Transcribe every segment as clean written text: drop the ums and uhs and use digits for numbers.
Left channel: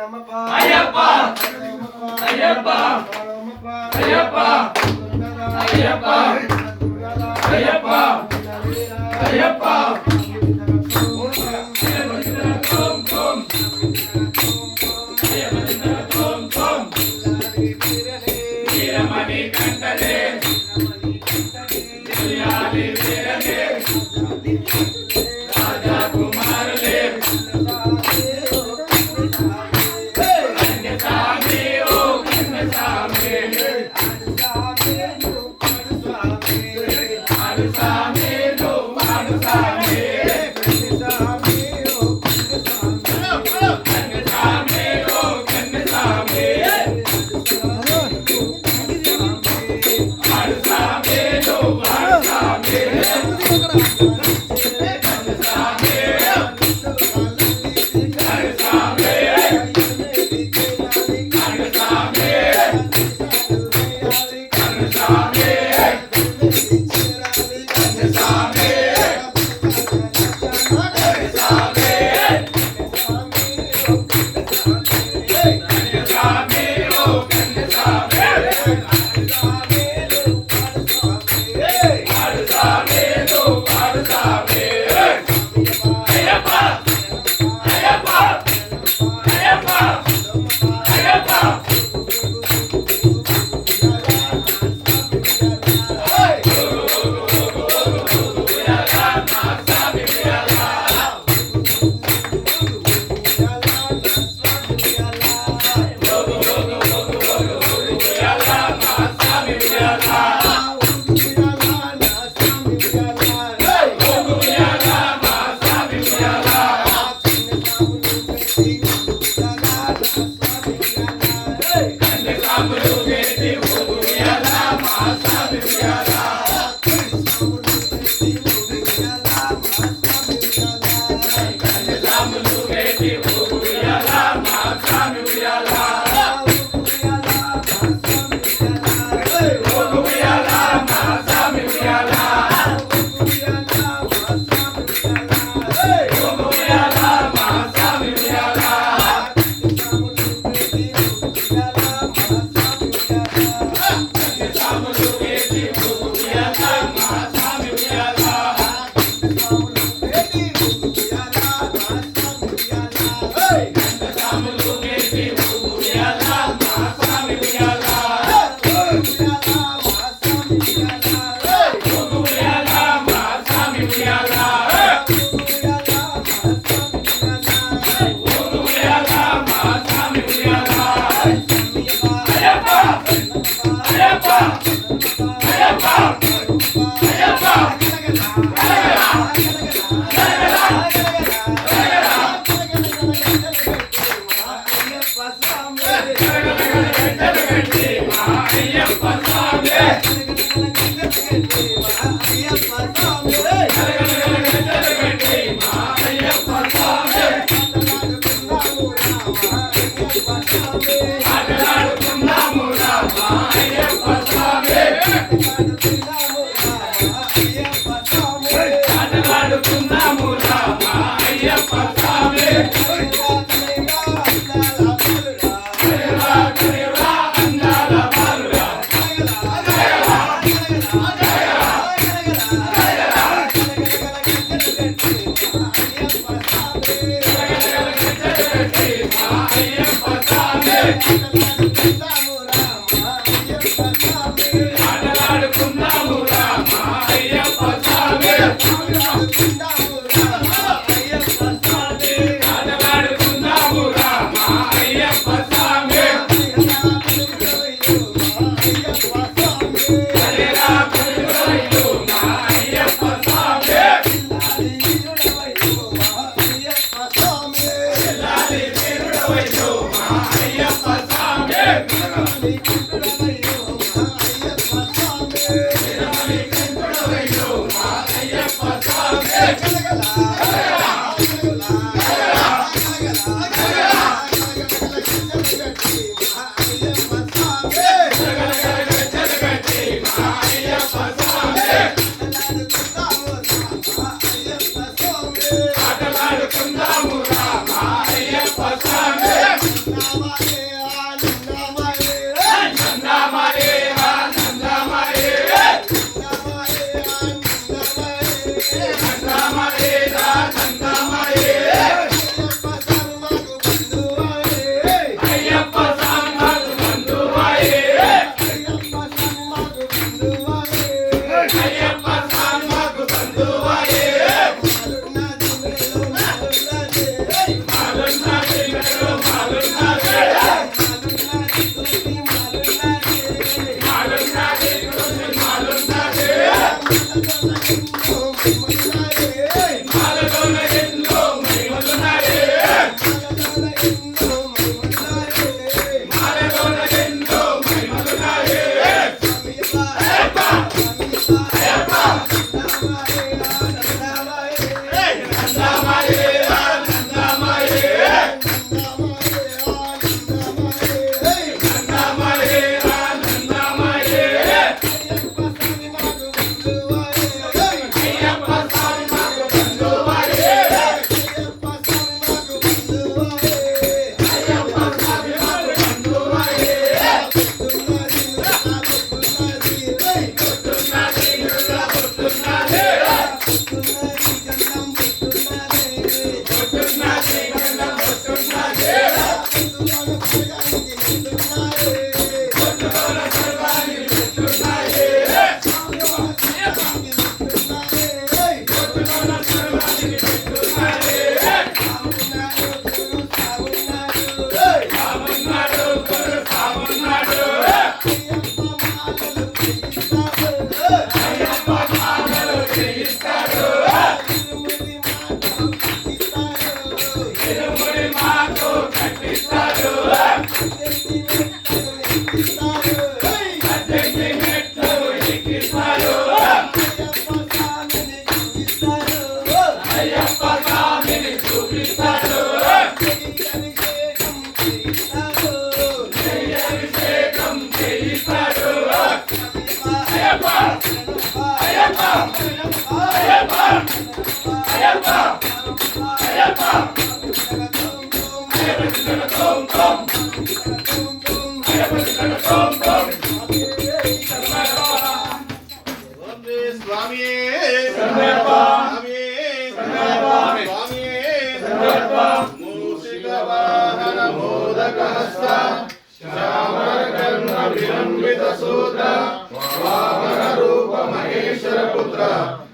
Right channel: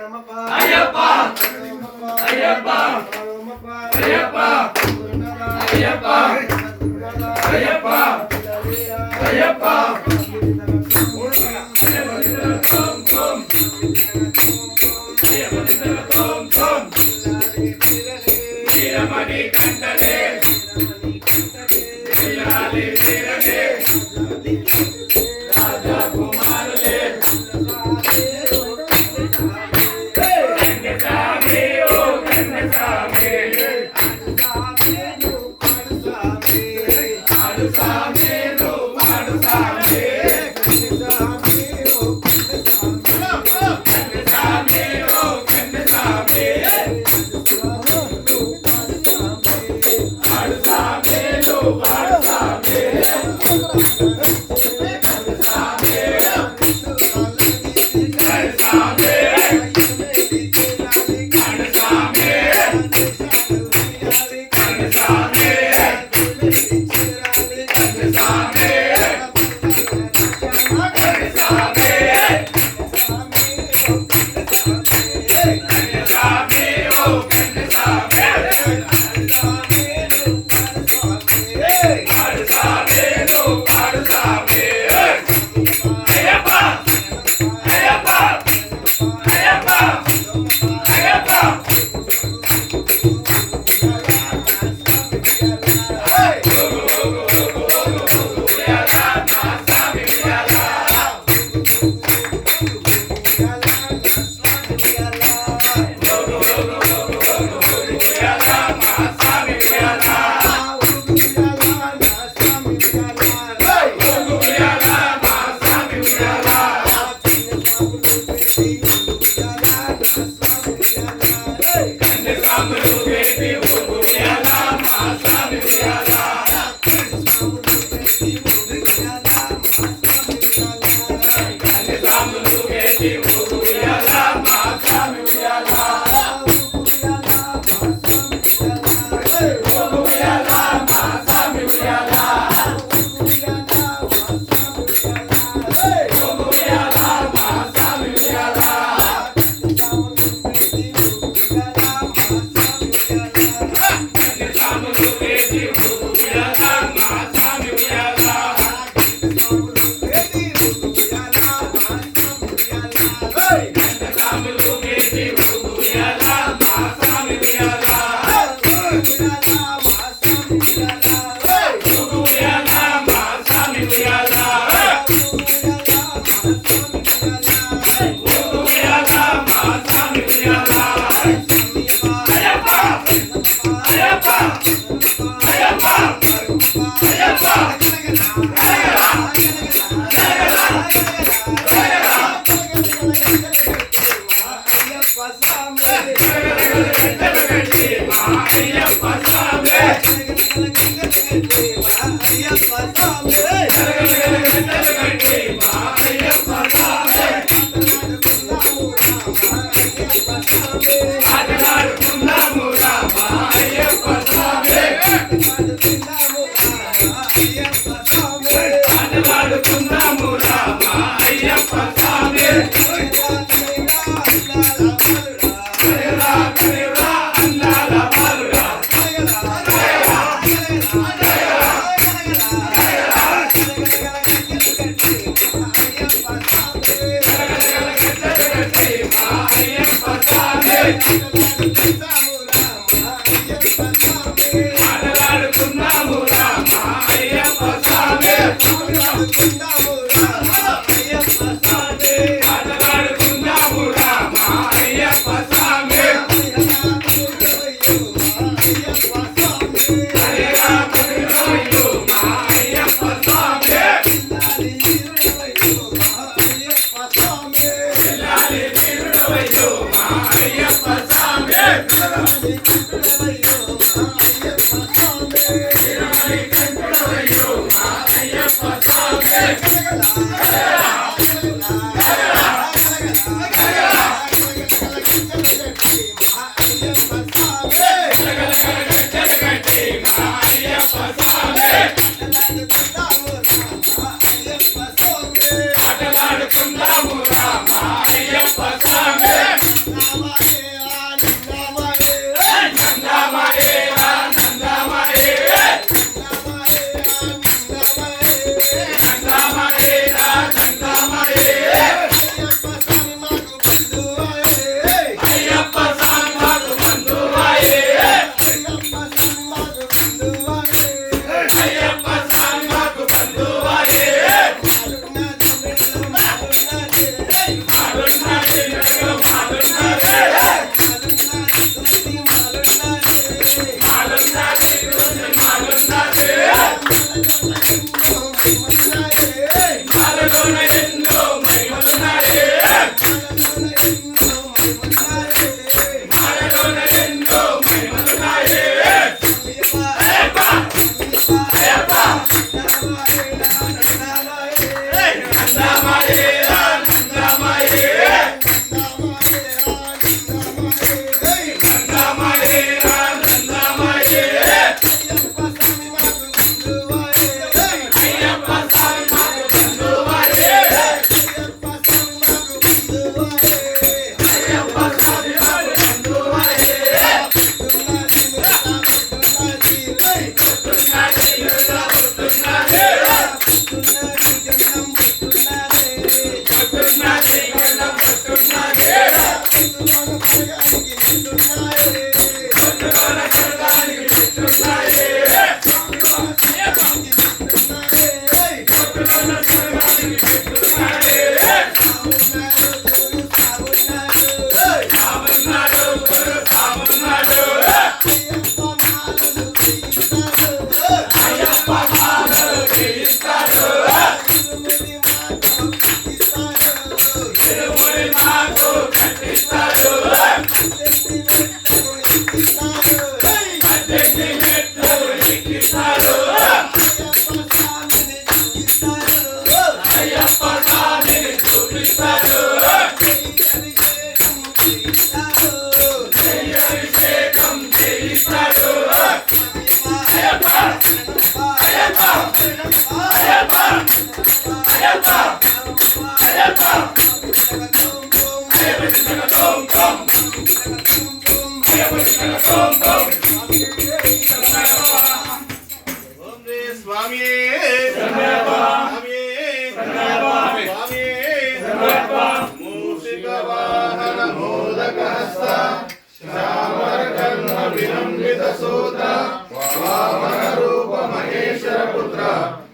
అయ్యప్ప అయ్యప్ప అయ్యప్ప అయ్యప్ప అయ్యప్ప అయ్యప్ప వీరమణి కంటనే రాజా కుమారులే కన్నసామి ఓ కన్నసామి ఆడుసామి no ఆడుసామి కన్నసామి ఓ కన్నసామి ఆడుసామి no ఆడుసామి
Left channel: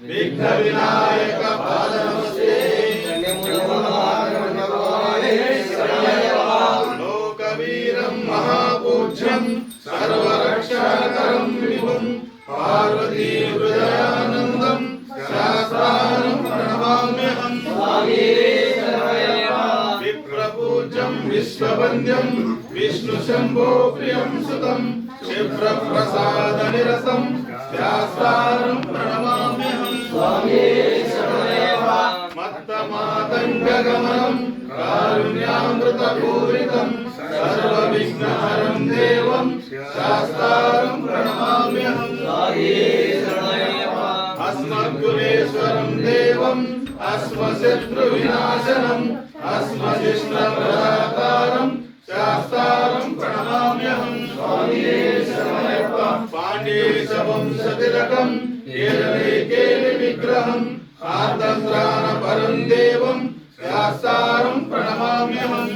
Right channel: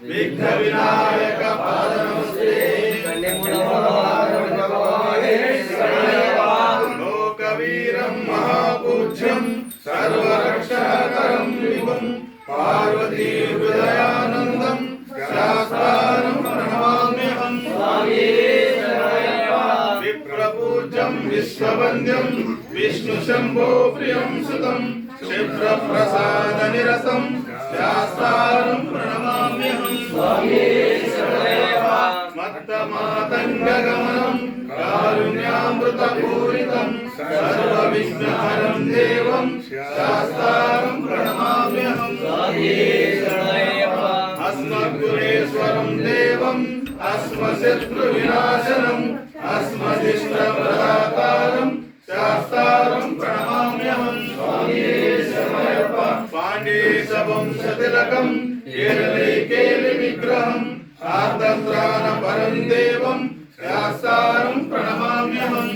విఘ్న వినాయక పాదనమస్తే లోకవీరం మహాపూజ్యం సర్వరక్షాకరం విభుం పార్వతీ హృదయానందం శాస్త్రారం ప్రణమామ్యహం విప్రపూజ్యం విశ్వవంద్యం విష్ణు శంభో ప్రియం సుతం క్షిప్ర ప్రసాద నిరసం శాస్త్రారం ప్రణమామ్యహం మత్తమాతంగగమనం కారుణ్యామృత పూరితం సర్వ విఘ్నహరం దేవం శాస్త్రారం ప్రణమామ్యహం అస్మద్గురేశ్వరం దేవం అస్మశత్రు వినాశనం అస్మదిష్ట ప్రదాతారం శాస్త్రారం ప్రణమామ్యహం పాండేశ వంశతిలకం కేరళే కేలి విగ్రహం ఆర్తత్రాణ పరం దేవం శాస్త్రారం ప్రణమామ్యహం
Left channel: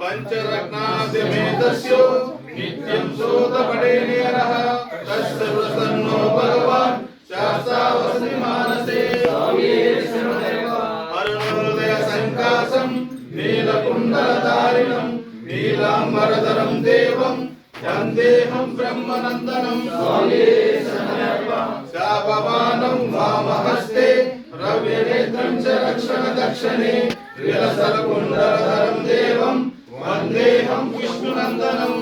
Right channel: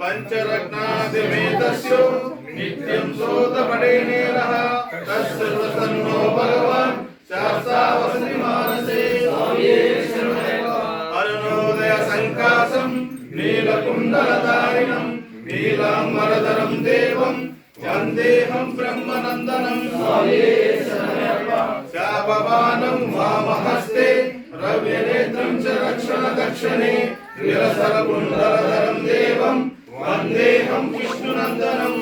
పంచరత్నాదిమేతస్యో నిత్యం సోతపడేనేరః తస్సర్వసన్నో భగవాన్ శాస్త్రావసతి మానసే అరుణోదయ సంకాసం నీలకుండలధారిణం నీలాంబరధరం దేవం వందేహం బ్రహ్మనందనం శాపవానం వామహస్తే రవ్యనేత్రం చ రక్షణ దక్షిణే విలసరకుండలధరం దేవం వందేహం విష్ణునందనం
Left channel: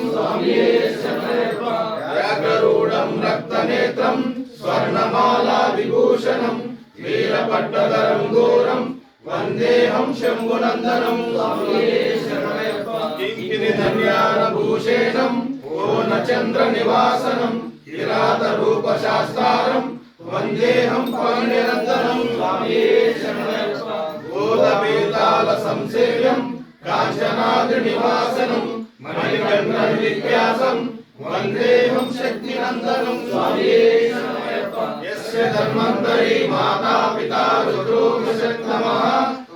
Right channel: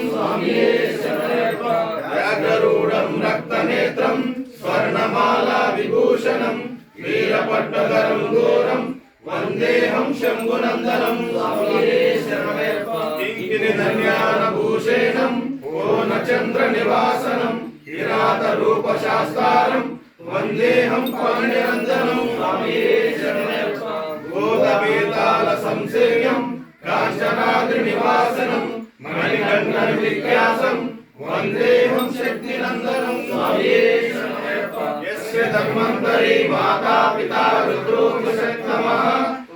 వ్యాఘ్రరూఢం రక్తనేత్రం స్వర్ణమాలా విభూషణం వీరపట్టధరం ఘోరం వందేహం శంభునందనం కింకిని ధన్యానభూషేణం పూర్ణచంద్ర నివాసనం కిరాత రూప శాస్త్రారం వందేహం పాణ్యనందనం బోధవేతాల సంసేవ్యం కాంచ కాంచనాద్రి నివాసనం మణికంఠ విద్యాసం వందేహం శక్తినందనం స్వామియే శరణమయ్యప్ప. యస్య ధన్వంతరి మాతా పితా రుద్రోగశక్తమః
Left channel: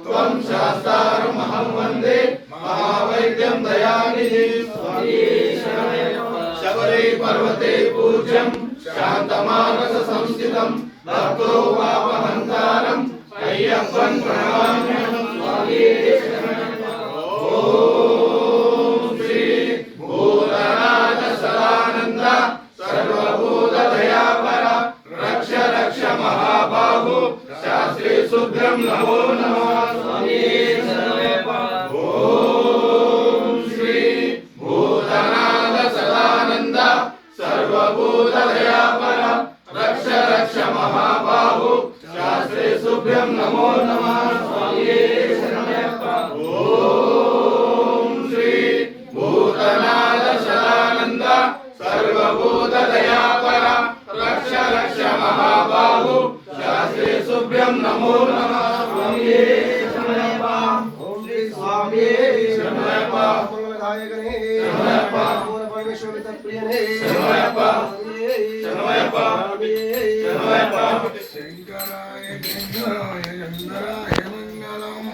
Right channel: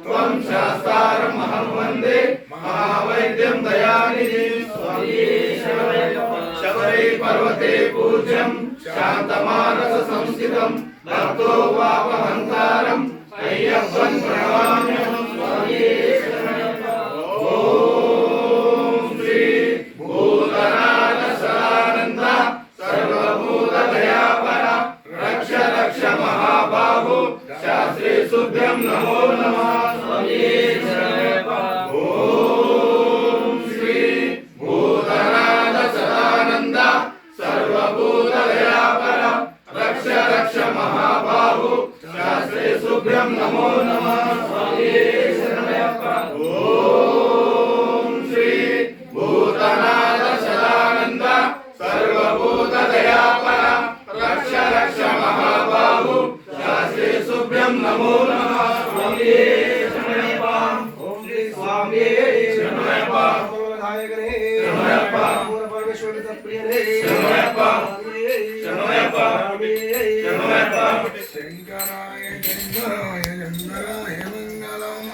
త్వం శాస్తారం అహం వందే మహావైద్యం దయానిధిం స్వామియే శరణమయ్యప్ప. శబరే పర్వతే పూజ్యం శాంతమానస సంస్థితం భక్తో పాపహంతారం అయ్యప్పం ప్రణమామ్యహం స్వామియే శరణమయ్యప్ప. ఓం శ్రీ భూతనాథ సదానంద సర్వభూత దయాపర రక్ష రక్ష మహాబాహు శాస్త్రీ శుభ్రం నమో నమః స్వామియే శరణమయ్యప్ప. ఓం శ్రీ భూతనాథ సదానంద సర్వభూత దయాపర రక్ష రక్ష మహాబాహు శాస్త్రీ శుభ్రం నమో నమః స్వామియే శరణమయ్యప్ప. ఓం శ్రీ భూతనాథ సదానంద సర్వభూత దయాపర రక్ష రక్ష మహాబాహు శాస్త్రీ శుభ్రం నమో నమః స్వామియే శరణమయ్యప్ప. ఓం శ్రీ స్వామియే శరణమయ్యప్ప. శరణమయ్యప్ప. పరమేశ్వరుని ప్రియనే శరణమయ్యప్ప. శరణమయ్యప్ప. శరణమయ్యప్ప. శంకరాయ శంకరాయ శంకరాయ మంగళం.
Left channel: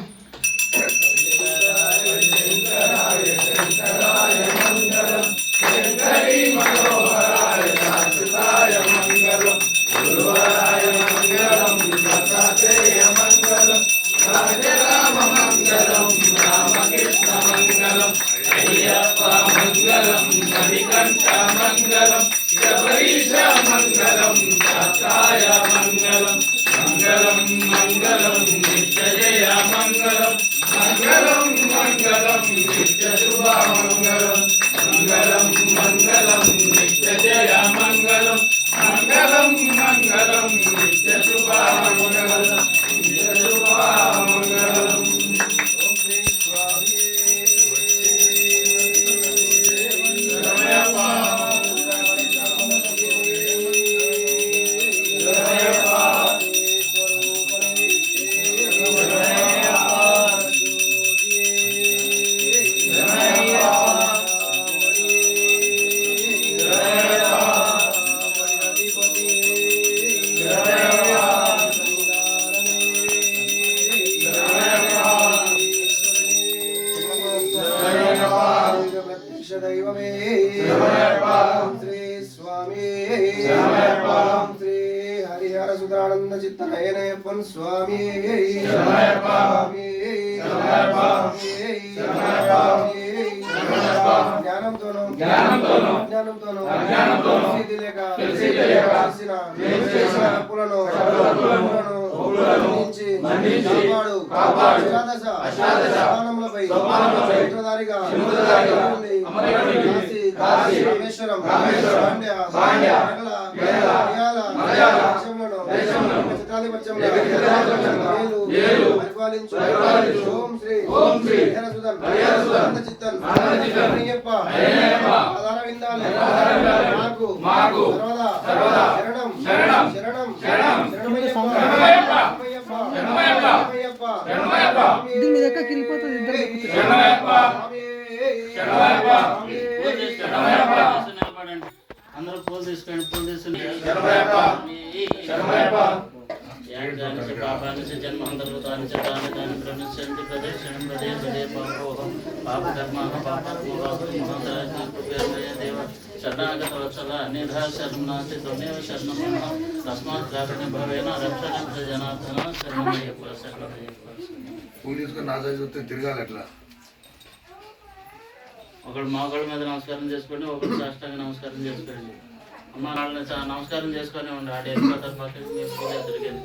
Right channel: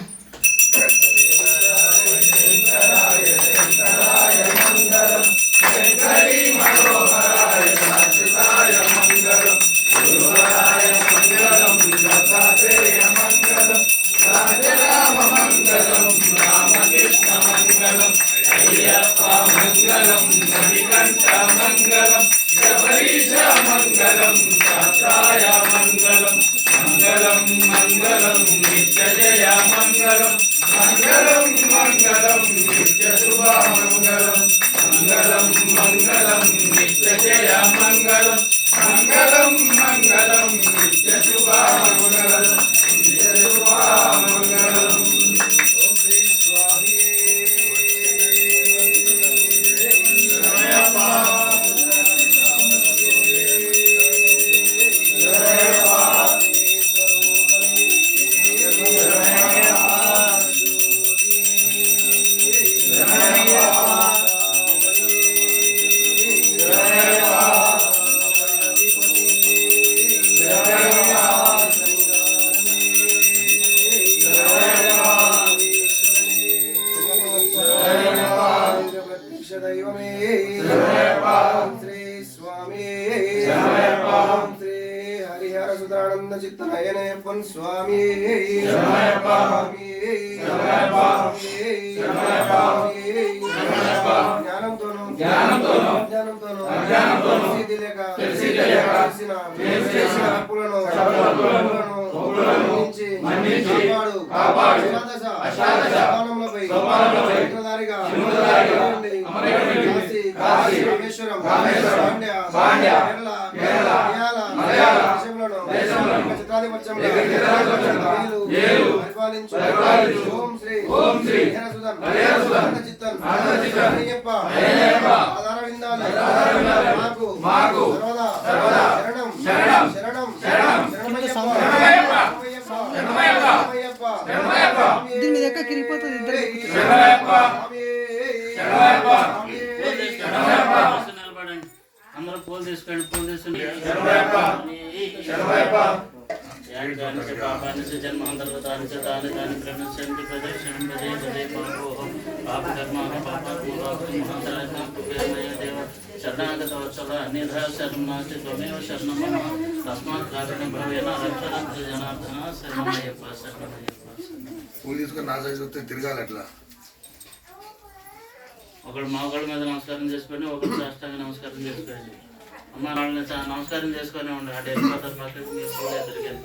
శంకరాయ శంకరాయ మంగళం. శంకరీ మనోహరాయ శాశ్వతాయ మంగళం. గురువరాయ మంగళం. దత్తాత్రేయ మంగళం. రాజరామ మంగళం. రామకృష్ణ మంగళం. అయ్యప్ప మంగళం. మణికంఠ మంగళం. శబరీశ మంగళం. శాస్త్రాయ మంగళం. మంగళం మంగళం నిత్య జయ మంగళం. మంగళం మంగళం నిత్య శుభ మంగళం. మంగళం మంగళం నిత్య జయ మంగళం. మంగళం మంగళం నిత్య శుభ మంగళం. నిత్య శుభ మంగళం. ఓం శ్రీ స్వామియే శరణమయ్యప్ప. దైవమే శ్రీ స్వామి శ్రీ హరిహర సుధానంద చిత్తనయనయప్పన్ స్వామి జ్ఞానంతోనూ తెలిసిన తప్పులను కాపాడు అష్టాదశ చక్రధారిగా కాశీ రామేశ్వరం పాండ్య పరిపాలించు. ఓం శ్రీ చిత్తన్ అయ్యప్ప ఆధార విందాలు మాకు సర్వదా శరణం శరణం దీని మీద ఎక్క కిరిపోతుంది ఇద్దరు అందరూ పూలు తీసుకోండి. పూలు తీసుకుని పాపాన్ని జన్మాంతర్గతాన్ని తాని తాని ప్రణశ్యంతి పదే క్షణం పదే పదే పాపోహం పాపకర్మ పాపాత్మ మహాశయ దేవ శరణాగతవత్సల అన్యథా శరణాచి త్వమేవ శరణం తస్మాత్ కారుణ్య భవేన రక్షణ జనార్దన శరణమయ్యప్ప శరణమయ్యప్ప. పూలు తీసుకొని నా సైజు వస్తే తిరగాలి అట్లా. ఒకడు మగవాళ్ళ మీద నమస్కారం చేసుకోండి, ఒకరు సాష్టాంగ నమస్కారం చేసుకోండి. అమ్మ వాళ్ళని నమస్కారం చేసుకొని ఉండి ఆడ వెళ్ళిపోతారు పక్కకి మీరు పూలు ఎదురుకెళ్ళి